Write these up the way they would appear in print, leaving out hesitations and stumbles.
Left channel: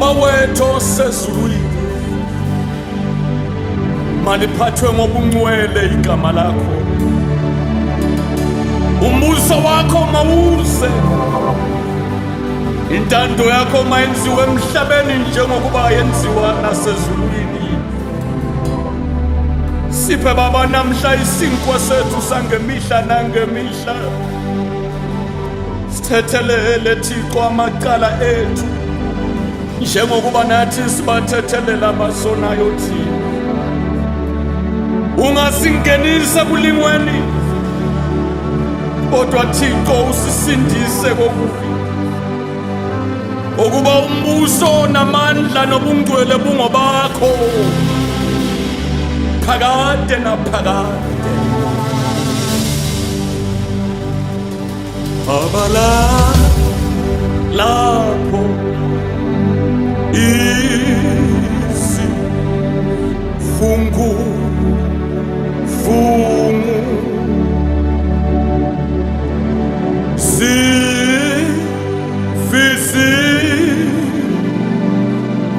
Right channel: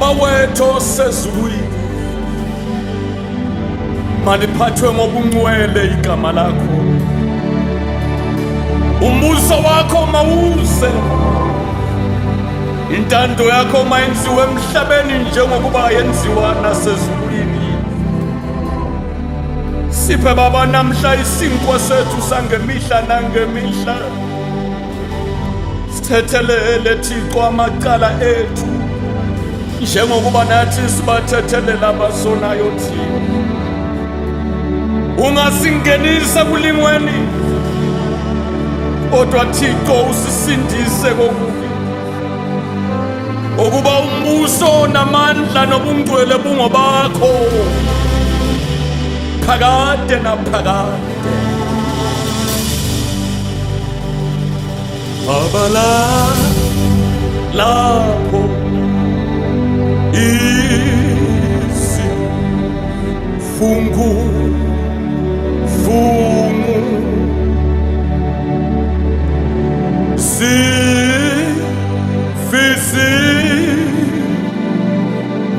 Baba wethu osezulwini, maliphathwe ngobungcwele igama lakho. Umbuso wakho mawuze, intando yakho mayenziwe emhlabeni njengokuba yenziwa nasezulwini. Siphe Baba namhla isinkwa sethu sangemihla nangemihla. Sithethelele Thixo amacala ethu njengokuba nathi sibathethelela abasonayo thina. Ungasingenisa kulingweni, kodwa Thixo usisindise kokubi. Ukuba umbuso namandla nobungcwele bungobakho phakade naphakade. Baba lapho isifungu sifisi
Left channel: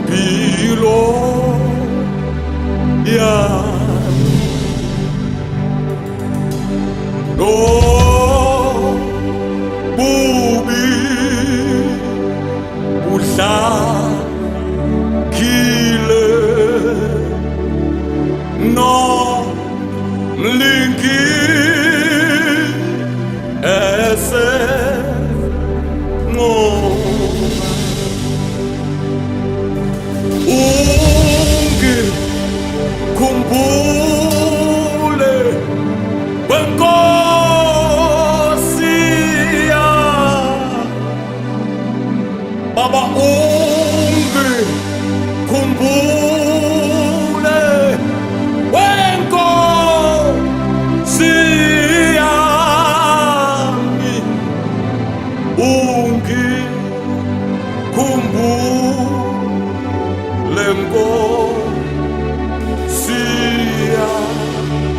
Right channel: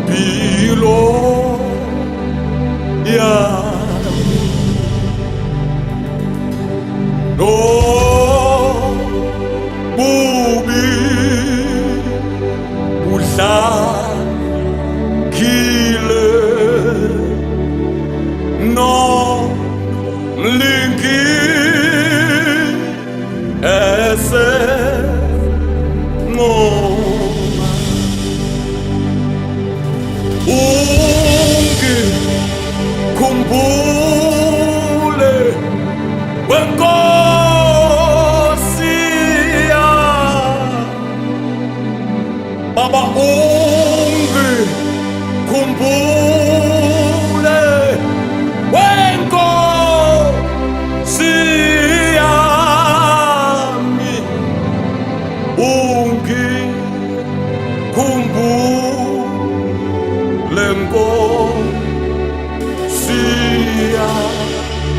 bilo yami no bubi budlakile no mlingi ese ngoma ungikhumbule wenkosi yami. Baba ungikhumbule wenkosi yami, ungikhumbule nkosi yami,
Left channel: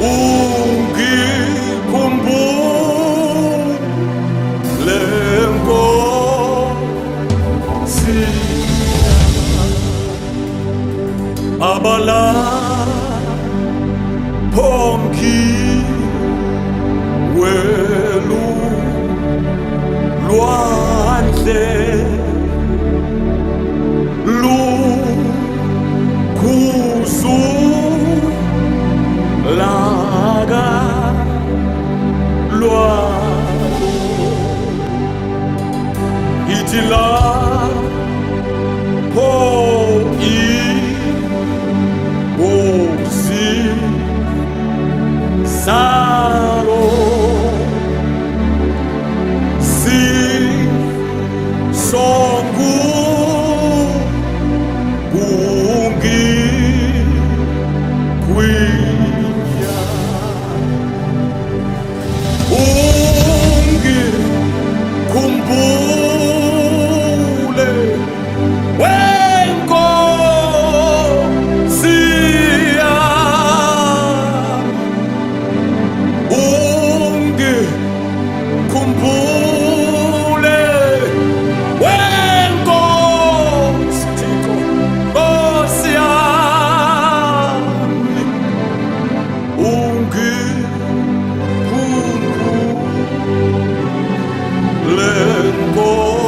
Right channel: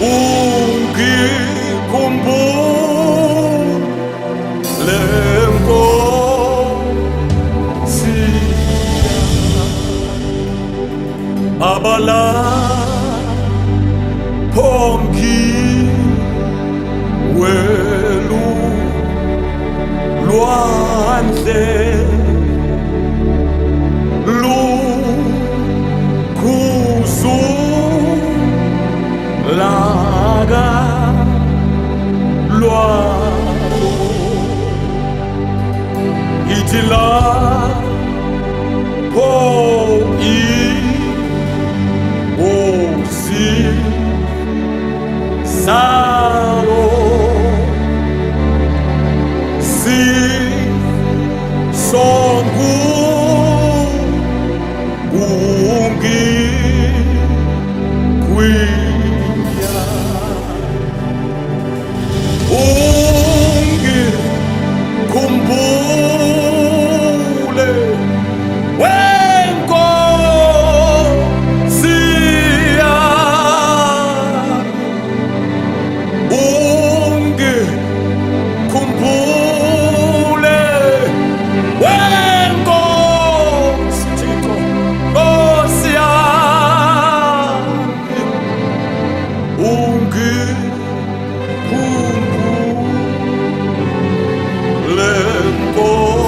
ungikhumbule nkosi yami. Baba lapho ngiwelu lwandle lukhuzulaga lwalo, ngithi lapho inkosi salo sisongu ungikwinya, ungikhumbule wenkosi yami, ungikhumbule wenkosi Thixo, Nkosi yami, ungikhumbule wenkosi